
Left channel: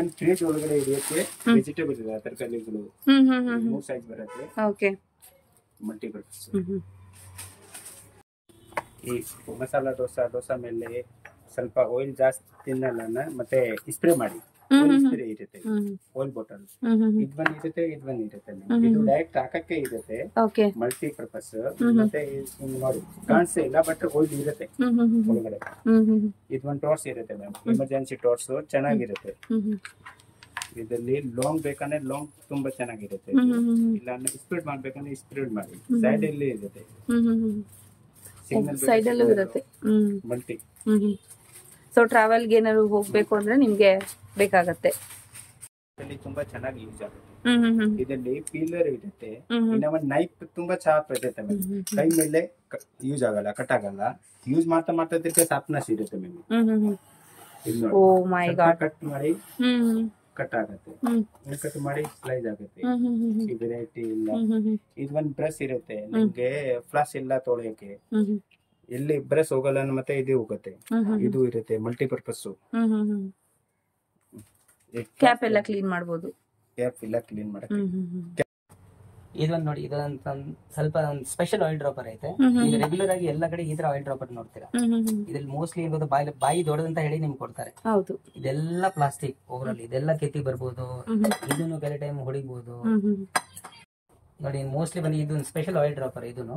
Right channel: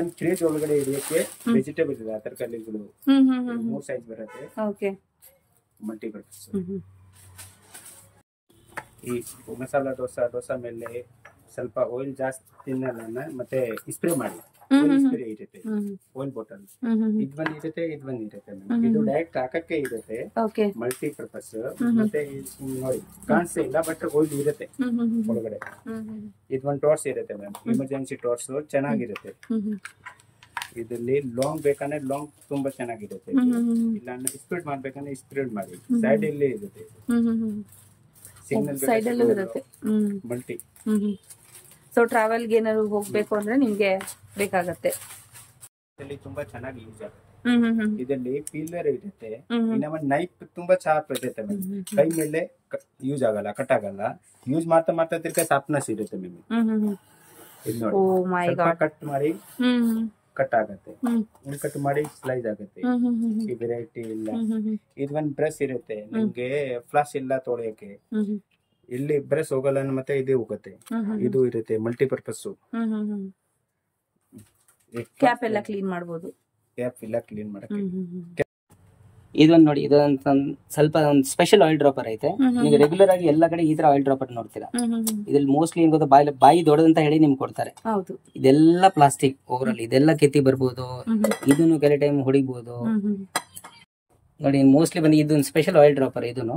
ಒಂದು ಫ್ರಿಜ್ ಒಳಗಡೆ ಇರುತ್ತೆ, ವೆಜಿಟೇಬಲ್ ಇದೆ, ತರಕಾರಿಗಳು 3 ಸೈಜ್ ಬರುತ್ತೆ. Okay, multipurpose. ಈ ಮಸಾಲಾ ದೋಸಾ ಮೇಲೆ ಸ್ವಲ್ಪ ಆಯಿಲ್ ಜಾಸ್ತಿ ತಿನ್ನಲ್ಲ, ಮತ್ತೆ ಸ್ಪ್ರೇ ಮಾಡಿ ಸ್ಪ್ರೇ ಇರುತ್ತೆ, ಆಯಿಲ್ ಬಾಟಲ್. ಇದು ಬಂದಿರುತ್ತೆ. ಇದು ಡೈರೆಕ್ಟ್ ಹಾಕಕ್ಕೆ ಇರುತ್ತೆ, ಮಲ್ಟಿಪರ್ಪಸ್. ಮತ್ತೆ ನೋಡಿ ಕಾಣಿಸ್ತಾ ಇಲ್ಲ, ಬಟ್ ಆಯಿಲ್ ಇರುತ್ತೆ ಒಳಗಡೆ. ಇದು ಒಂದು ಟಾರ್ಚ್ ಇರುತ್ತೆ ಮ್ಯಾಮ್, ಎಮರ್ಜೆನ್ಸಿ ಟಾರ್ಚ್ ಚೆನ್ನಾಗಿರುತ್ತೆ. ಇದರಲ್ಲಿ ಲಾಂಗ್ ಬೇಕಂದ್ರೆ ಲಾಂಗ್ ತುಂಬಾ ಚೆನ್ನಾಗಿರುತ್ತೆ, ಇಲ್ಲ ಸ್ಪ್ರೆಡ್ ಮಾಡ್ಬೇಕಂದ್ರೆ ಸ್ಪ್ರೆಡ್ ಮಾಡಿ. ಸೈಡ್ ಅಲ್ಲಿ ಇರುತ್ತೆ, ಸೈಡ್ ಅಲ್ಲೂ ಇರುತ್ತೆ, ಮಲ್ಟಿ. ಸೊ ಟ್ರಾವೆಲ್ಗೆ ಏನಾದ್ರು ಹೋಗ್ಬೇಕು ಅಂದ್ರೆ ನಿಮ್ಗೆ ಬೇಕಾಗತ್ತೆ. ತುಂಬಾ ಚೆನ್ನಾಗಿ ಯೂಸ್ ಆಗುತ್ತೆ. ಇದರಲ್ಲಿ ಪೀಲರ್ ಇರುತ್ತೆ, ಇನ್ನೊಂದು ನೈಫ್ ತುಂಬಾ ಶಾರ್ಪ್ ಇರುತ್ತೆ. ಕೈ ಮೇಲೆ ಯೂಸ್ ಆಗಲ್ಲ, ಕಟ್ ಆಗಲ್ಲ. ಯೂಸ್ ಮಾಡ್ತಾ ತಿರ್ಗ ಶಾರ್ಪ್ನೆಸ್ ಇರುತ್ತೆ ಮೇಲೆ. ಓ ಮೈ ಗಾಡ್. ಕಟ್ ಮಾಡಿ ಕಟ್ ಆಗುತ್ತೆ, ಕಟ್ ಮಾಡಿ ಸ್ಲೈಸ್ ಆಗುತ್ತೆ. ಈ ವೆರೈಟಿ ಇಲ್ಲ. ಇದು ಒಂದು ಬ್ರಷ್ ಇರುತ್ತೆ ನಿಮ್ಗೆ, ಫ್ಲಾಶ್ ಇಲ್ಲ ತೊಳೆಯಕ್ಕೆ, ಎಲ್ಲಿ ಬ್ರಷ್ ಹೋಗಲ್ಲ, ಮತ್ತೆ ಇದು ಹೋಗುತ್ತೆ. ಇದು ಇರುತ್ತೆ ಮಲ್ಟಿಪರ್ಪಸ್. ಕ್ಯಾಪ್ ಎಲ್ಲ ಕ್ಲೀನ್ ಮಾಡಬಹುದು, ಕ್ಯಾಪ್ ಎಲ್ಲ ಕ್ಲೀನ್ ಮಾಡಕ್ಕೆ. ಇದೊಂದು ನೋಡಿ, ಇದೊಂದು ಸ್ವಲ್ಪ ಒಂದು ಸ್ಪೆಷಲ್ ಆಯಿಲ್ ಡ್ರಾಪರ್ ಐತೆ. ನೀವು ರೆಗ್ಯುಲರ್ ಆಗಿ ಎಲ್ಲ ಕಡೆ ಈ ತರ ಆಯಿಲ್ ಡ್ರಾಪರ್ ನೋಡ್ತೀರಾ. ಇದ್ರಲ್ಲಿ ಮೋಸ್ಟ್ಲಿ ಏನ್ ಗೊತ್ತಾ, ಬಾಯಿ ದೊಡ್ಡದಂತ ಹೇಳಿ ನಿಮ್ಗೆ ಕೊಡ್ತಾರೆ. ಇದೆಲ್ಲ ಪ್ಲಾಸ್ಟಿಕ್ ಓವರ್ ಆಲ್, ಇದೆಲ್ಲ ಕೆತ್ತಿ ಬರ್ಬೋದು, ಇದನ್ನು ಕೆಲವು ಟೈಮ್ ಹೊಡಿಬಹುದು ನೋಡಿ. ಮೋಸ್ಟ್ಲಿ ಬಂದು ಇದೊಂದು ಸ್ಪೆಷಲ್ ಆಯಿಲ್ ಡ್ರಾಪರ್. ಇದನ್ನು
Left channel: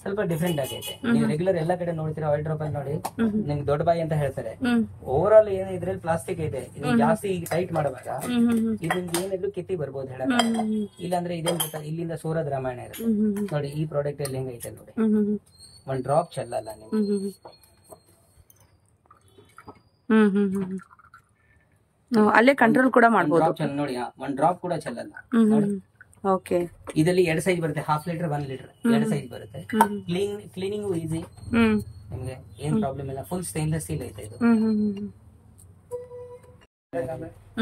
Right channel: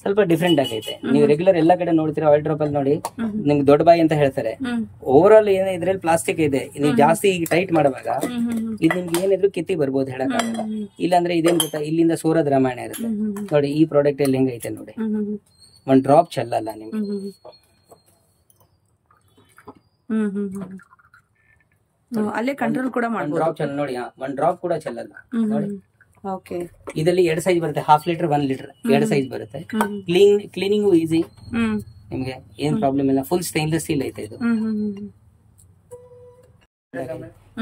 ಸ್ವಲ್ಪ ಡಿಫ್ರೆಂಟ್ ಆಗೈತೆ. ನೀವು ರೆಗ್ಯುಲರ್ ಎಲ್ಲ ಕಡೆ ನೋಡ್ತೀರಾ ಆಯಿಲ್ ಡ್ರಾಪರ್ ನೋಡಿ, ನಿಮ್ಗೆ ದೊಡ್ಡ ಬಾಯಿ ಅಂತ ಹೇಳ್ತಾರೆ. ಓವರ್ ಆಲ್ ಏನ ಇದ್ರಲ್ಲಿ ಪ್ಲಾಸ್ಟಿಕ್ ಇದೆ. ನೀವು ಜಾಸ್ತಿ ಟೈಟ್ ಮಾಡುವಾಗ ಇದು ನಿಮ್ಗೆ ಏನಿದ್ರು ಕಿತ್ತಿ ಬರ್ಬೋದು ಹೇಳಕ್. ಇಲ್ಲಾಂದ್ರೆ ಇದೇನ್ ಗೊತ್ತಾ, ಇಲ್ಲಿಂದ ಸೂರದ ರಾಮಾಯಣ ಇರುತ್ತೆ ನೋಡಿ. ಈ ಪ್ರಾಡಕ್ಟ್ ಅಲ್ಲಿ ಹೆಂಗೈತೆ ನೋಡಿ, ಒಂದ್ ಡ್ರಾಪ್ ಚೆಲ್ಲಲ್ಲ ನಿಮ್ಗೆ. ಅಲ್ಲೇ ಕಂಟ್ರೋಲ್ ಕೂಡ ಮಾಡಬಹುದು ನೋಡಿ. ಒಂದ್ ಡ್ರಾಪ್ ಕೂಡ ಚೆಲ್ಲಲ್ಲ. ಓಕೆ, ಇದರಲ್ಲಿ 2 ಸೈಜ್ ಬರುತ್ತೆ, 1/2 ಲೀಟರ್ 1 ಲೀಟರ್ 2 ಸೈಜ್ ಬರುತ್ತೆ. ಕ್ಲೀನಿಂಗು ಈಸಿ, ನಿಮ್ಗೆ ಏನ್ ಪ್ರಾಬ್ಲಮ್ ಇಲ್ಲ. ಫುಲ್ ಸ್ಟೈನ್ಲೆಸ್ ಸ್ಟೀಲ್ ಐತೆ ಇದು.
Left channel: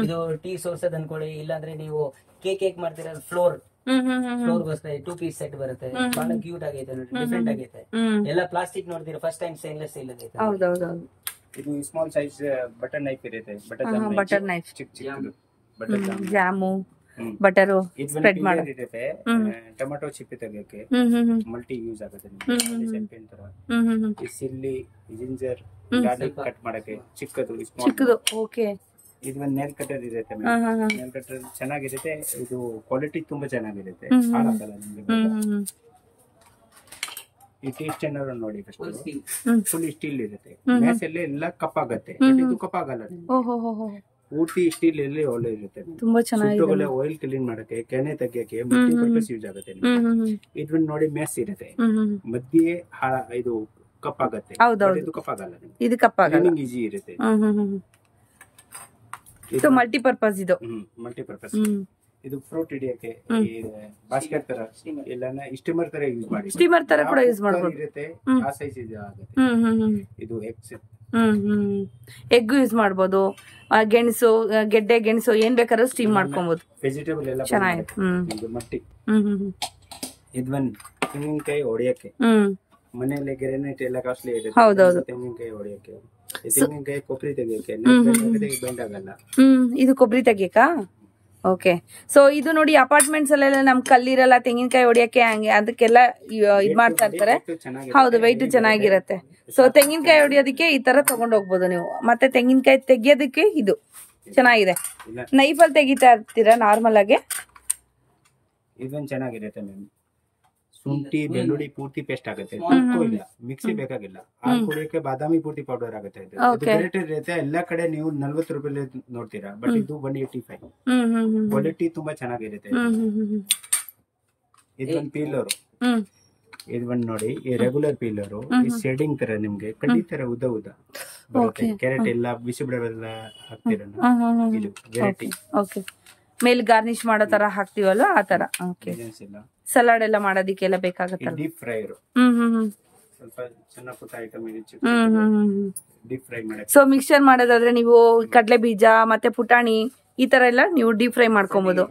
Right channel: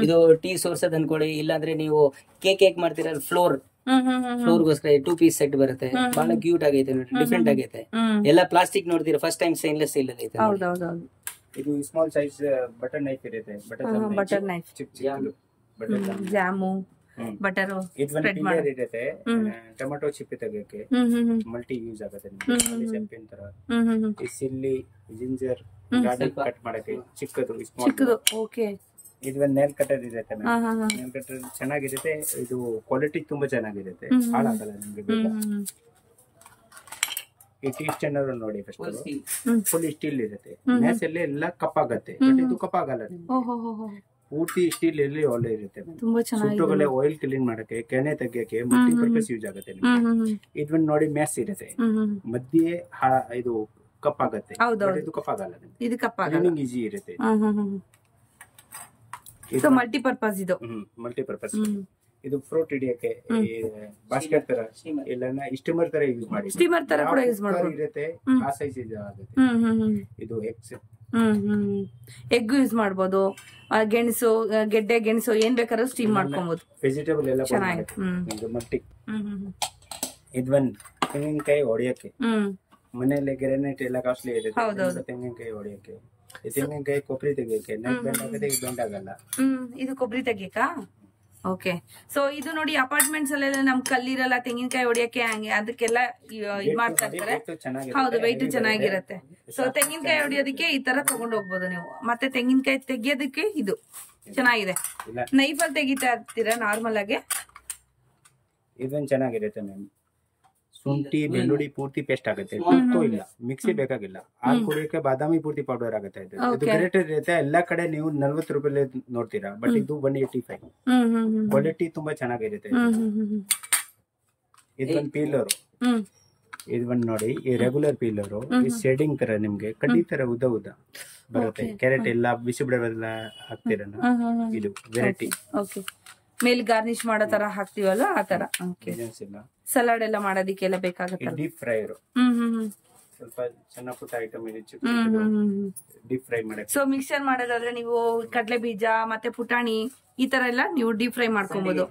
ಇದು ಟೀ ಸೋರ್ಸ್ ಅದ್ ಅನ್ಕೊಳ್ಳಿ, ಇಲ್ಲಾಂದ್ರೆ ನೀವು ಕೇಕ್ ಮಾಡ್ತೀರ, ಫ್ಲೋರ್ಗೋಸ್ಕರ 2 ಪೀಸ್ ಸೆಟ್ ಬರುತ್ತೆ. ಬಹಳ ಕ್ಯೂಟ್ ಆಗೈತೆ, ಡಿಫ್ರೆಂಟ್ ಆಗೈತೆ. ಎಲ್ಲ ಪ್ಲಾಸ್ಟಿಕ್ ನೋಡ್ತೀರಾ, ಫಸ್ಟ್ ಟೈಮ್ ಸ್ಟೈನ್ಲೆಸ್ ಸ್ಟೀಲ್ ಐತೆ. ಇದು ಸ್ಮಾಲ್ ಸೈಜ್ ಬಟರ್ ನೈಫ್ ಇರುತ್ತೆ, butter knife, jam, butter spread ಇರುತ್ತೆ. ಟೊಮೆಟೊ ಚಿಪ್ಪಿ ತೆಗಿಯೋಕೆ ಮಲ್ಟಿ ಯೂಸ್ ಆಗುತ್ತೆ. ಈ ಸಿಲ್ಲಿ, ಜಿಂಜರ್, ಗಾರ್ಲಿಕ್ ಕಟ್ ಮಾಡಕ್ಕೆ ಚಿಕ್ಕದು. ಓಕೆ, ಇದು ಒಂದು ನೇಲ್ ಕಟರ್ ಇರುತ್ತೆ. ನೇಲ್ ಕಟರ್ ಚೆನ್ನಾಗಿರುತ್ತೆ. ಇದು ಕ್ವಾಲಿಟಿ ತುಂಬಾ ಚೆನ್ನಾಗಿರುತ್ತೆ, ಹಾಳಾಗಲ್ಲ ನಿಮ್ಗೆ. ಈ ಟೀ ಸ್ಟ್ಯಾಂಡರ್ ನೋಡಿ, ಫುಲ್ ಸ್ಟೀಲ್ ಇರುತ್ತೆ. ಮ್ಯಾಸಲ್ಲಿ ಎಲ್ಲ ಕಪ್ಪಾಗತ್ತೆ, ಇದು ಕಪ್ಪಾಗಲ್ಲ ನಿಮ್ಗೆ. ಪೂರ್ತಿ ಸ್ಟೀಲ್ ಅಲ್ಲಿ ಒಳ್ಳೆ ಇರುತ್ತೆ ತುಂಬಾ ಚೆನ್ನಾಗಿದೆ. ಆಯಿಲ್ ಕ್ಲೀನ್ ಮಾಡಕ್ಕೆ, ಕೆನೆ ತೆಗಿಯಕ್ಕೆ ಮಲ್ಟಿ ಪರ್ಪಸ್ ಯೂಸ್ ಆಗುತ್ತೆ ನಿಮ್ಗೆ. ಇದನ್ನ ನೋಡಿ ಮ್ಯಾಸ್ ಇರುತ್ತೆ, ಮಧ್ಯೆ ಇದು ಕಪ್ಪಾಗತ್ತೆ, ಇದು ಕಪ್ಪಾಗಲ್ಲ, ಇದು ಕಪ್ಪಾಗಲ್ಲ, ಈಸಿ ಇರುತ್ತೆ. ಇದು ಮಲ್ಟಿಪರ್ಪಸ್, ಇದು ಮಲ್ಟಿಪರ್ಪಸ್. ಇದು ಫ್ರೂಟ್ ಹಿಡಿಯಕ್ಕೆ, ಬಾಸ್ಕೆಟ್ ತರ ಇಲ್ಲ ಸ್ಟೀಮರ್ ತರ ಯೂಸ್ ಮಾಡಿ, ಸ್ಟೀಮರ್ ತರ ಕೂಡ ಯೂಸ್ ಮಾಡಬಹುದು ಇರುತ್ತೆ. ಆ ಸೈಜ್ ಇದು ಆಗುತ್ತೆ. ಇದು ಎಗ್ ಯೂಸ್ ಮಾಡಬಹುದು, ಗೆಣಸು, ಗೆಡ್ಡೆ ಗೆಣಸು ಏನ್ ಬೇಕಾದ್ರೂ ಸ್ಟೀಮ್ ಮಾಡ್ಕೊಬಹುದು. ವೆಜಿಟೇಬಲ್ ಎಲ್ಲ ಚೆನ್ನಾಗಿದೆ. ಮಟ್ಟಿ ಇದೊಂದು ತೆಂಗಿನಕಾಯಿ ಹೊಡಿಯಕ್ಕೆ, ಮನೆಯಲ್ಲಿ ಗ್ರಾನೈಟ್ ಎಲ್ಲ ಕಾಸ್ಟ್ಲಿ ಇರುತ್ತೆ, ತೆಂಗಿನಕಾಯಿ ಹೊಡಿಯಕ್ಕೆ, ತೆಂಗಿನಕಾಯಿ ಕೊಬ್ಬರಿ ತೆಗಿಯಕ್ಕೆ, ಬೆಂಡ್ ಆಗಲ್ಲ. ಇದು ಕೊಬ್ಬರಿ ತೆಗಿಯಕ್ಕ. ಓಕೆ, ಸೊ ಇದು ನೋಡಿ ಅಪಾರ್ಟ್ಮೆಂಟ್ಸ್ ಅಲ್ಲೆಲ್ಲ ನಮ್ ಕಲ್ಲಿರಲ್ಲ, ತೆಂಗಿನಕಾಯಿ ಹೊಡಿಯಕ್ಕೆ ಹಂಗೆ ಅದಕ್ಕೆಲ್ಲ ಇದ್ ಮಾಡ್ತಾ ಇರ್ತಾರೆ. ಹೌದು, ವೆಯ್ಟ್ ಚೆನ್ನಾಗಿರತ್ತೆ. ಸೊ ತೆಂಗಿನಕಾಯಿ ಹೊಡಿಯೋದಕ್ಕೆ ಈ ತರ ತಗೊಂಡ್ ಹೋಗ್ಬೋದು ನೀವು. ಮತ್ತೆ ತೆಂಗಿನಕಾಯಿ ತೆಗಿಯೋದಕ್ಕೆ ಇದು ಚೆನ್ನಾಗಿದೆ. ನೈಫ್ ಅಲ್ಲಿ ತೆಗಿತಾ ಇರ್ತೀರಾ ನಾರ್ಮಲ್ ಆಗಿ? ಇದೊಂದು ಚೆನ್ನಾಗಿರುತ್ತೆ ಮ್ಯಾಮ್. ಶುಂಠಿ ಬೆಳ್ಳುಳ್ಳಿ ಪೂರ್ತಿ ಪೇಸ್ಟ್ ಆಗುತ್ತೆ, ಇಲ್ಲ ಮಿಕ್ಸಿ ಬೇಕಾಗಿಲ್ಲ. ಹಾಲು ಕುಡಿಯೋಕೆ ಬಾದಾಮಿ ಪೂರ್ತಿ ಪೌಡರ್ ಆಗುತ್ತೆ. ಇದು ಗ್ರೇಟರ್ ಇರುತ್ತೆ. ಎಲ್ಲಾ ಕಡೆ ನೀವು 40 ರೂಪಾಯಿ ನೋಡ್ತೀರಾ, ಬಟ್ ಇದು 185. ಕ್ವಾಲಿಟಿ ತುಂಬಾ ಚೆನ್ನಾಗಿರುತ್ತೆ. ಇದೊಂದು ಪೀಲರ್, ಇದೊಂದು ನೋಡಿ, ಈ ರೆಗ್ಯುಲರ್ ಪೀಲರ್, ಈ ಶೇಡಿಂಗ್ ತರ ನಿಮ್ಗೆ ಕಡ್ಡಿ ತರ ಉದ್ದ ಉದ್ದ ಬರುತ್ತೆ. ಕ್ಯಾರೆಟ್ ಎಲ್ಲ ಬಿಸಿ ಬಿಡೋಲ್ಲ ಹಾಕ್ತೀರ, ಇದು ವೆರೈಟಿ. ಮೇಲೆ ಗಾರ್ನಿಶ್ ಮಾಡೋ ತರ ಹಾಕ್ತಿವಲ್ಲ ಆ ತರ. ಸಲಾಡ್ ಎಲ್ಲ ಮಾಡೋದಿಕ್ಕೆಲ್ಲ ಬೇಕಾಗತ್ತೆ. ಡೀಪ್ ಫ್ರೈ, ಸ್ವಲ್ಪ ಸಣ್ಣ ಪುಟ್ಟ ಐಟಮ್ ಇದೆ, ಡೀಪ್ ಫ್ರೈ ಮಾಡಕ್ಕೆ. ಸೊ ಮಿಕ್ಸ್ಚರ್ ಮಾಡೋದಾದ್ರೆ ನೀವು ಕಡಲೆ ಬೀಜ ಮತ್ತೆ ಪುಟಾಣಿ ಈ ತರ ಎಲ್ಲ ನೀವು ಡೀಪ್ ಫ್ರೈ ಮಾಡ್ಕೊಬಹುದು.